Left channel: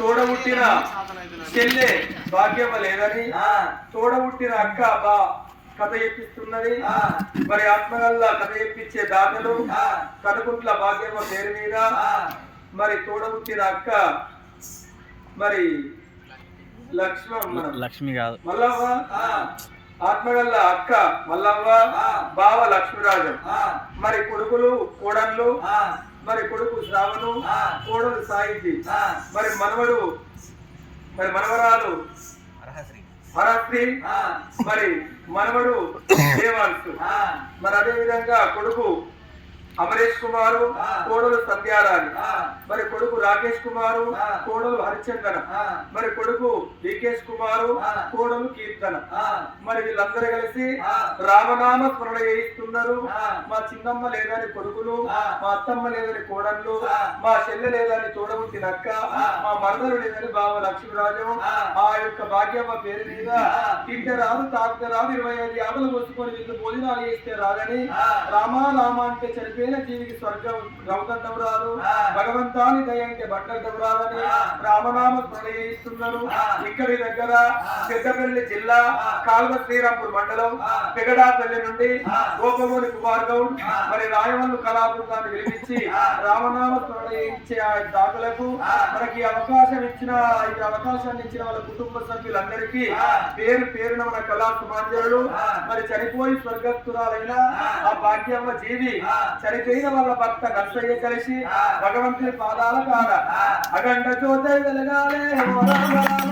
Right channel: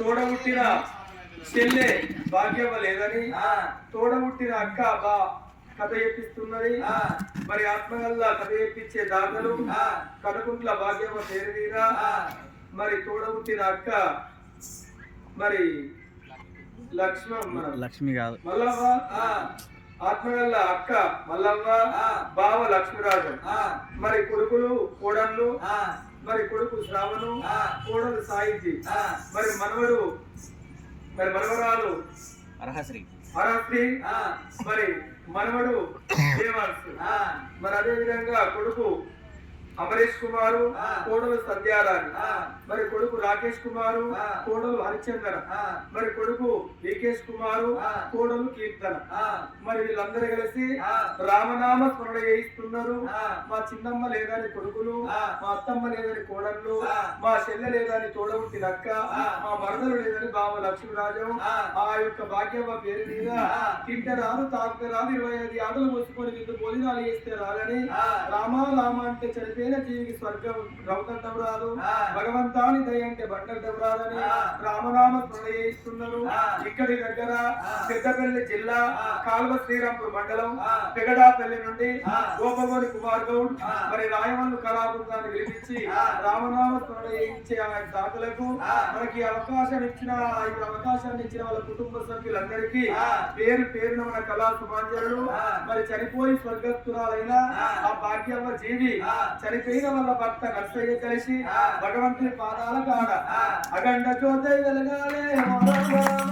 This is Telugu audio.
తోడబుట్టిన చెల్లె భాగ్యమ లేదని తోడబుట్టిన అక్క బా కథ చెప్పిస్తున్నది. మరి ఆత్మగల్ల కథ చెప్పించే దాతలు కనుకుంట్ల భాగ్యమ పేరు మీద మరి తోడబుట్టిన అక్క మరి లక్ష్మి కాదు మల్లవ్వ, ఆత్మగల్ల అక్క మల్లవ్వ, బావ లక్ష్మీరాజం, మరి కొడుకులు కోడళ్ళు, మరి కొడుకు శ్రావణు, కోడలు సాహిత్య, మరి మనవడు మరి మనవరాలు హరశ్రీ, మరి మనవడు దేవాంశు, మరి అదే విధంగా కొడుకు అమరేష్ కుమారు, కోడలు సంధ్యారాణి, మరి కొడుకు రాకేష్ కుమారు, కోడలు హరిచందన, మరి కొడుకు వికేష్ కుమారు, కోడలు కీర్తన, మరి వీళ్ళందరూ కలిసి రామనామ స్మరణ చేయిస్తున్నారు. మా చిన్నమ్మ లేదని కొడుకులు, మా అత్తమ్మ లేదని కోడళ్ళు, మా చెల్లె లేదని తోడబుట్టినక్క, మా మరదలు లేదని బావ లక్ష్మీరాజం, ఆ యొక్క భాగ్యమ్మ పేరు మీద తింటే రాదు తాగితే రాదు 25 ఆటలు పోసుకొని వీళ్ళు భోజనాలు చేస్తే రాదని రామా రామ అంటే చనిపోయి జీవికి స్వర్గం రౌతడ్డం రాదు, భగవంతాని దయ అంటే బట్టడ్డం రాదని రామనామ స్మరణ చేయిస్తున్నారు. ఇక్కడి దగ్గర పెద్దపల్లి జిల్లా కాల్వ శ్రీరాంపూర్ మండలం పెగడాపల్లి నుండి గోపమోని కుమార్ గౌడ్ మరి రాయవల్లు కళాబృందాన్ని పిలిపించి రామనామ స్మరణ చేయించే ఆ దాతలకు మనకి అవకాశం ఇచ్చిన ఈ అవకాశాన్ని ఇచ్చిన వాళ్ళ కుటుంబ సభ్యులందరికీ పేరు పేరున మన కళా సుమాంజలు, మరి చనిపోయి స్వర్గస్థురాలైన ఆ భాగ్యమ్మ జీవి చనిపోయిన వాళ్ళ భర్త నర్సయ్య కలిసి భగవంతుని పాదాల కాడ అఖండ జ్యోతి వెలగాలే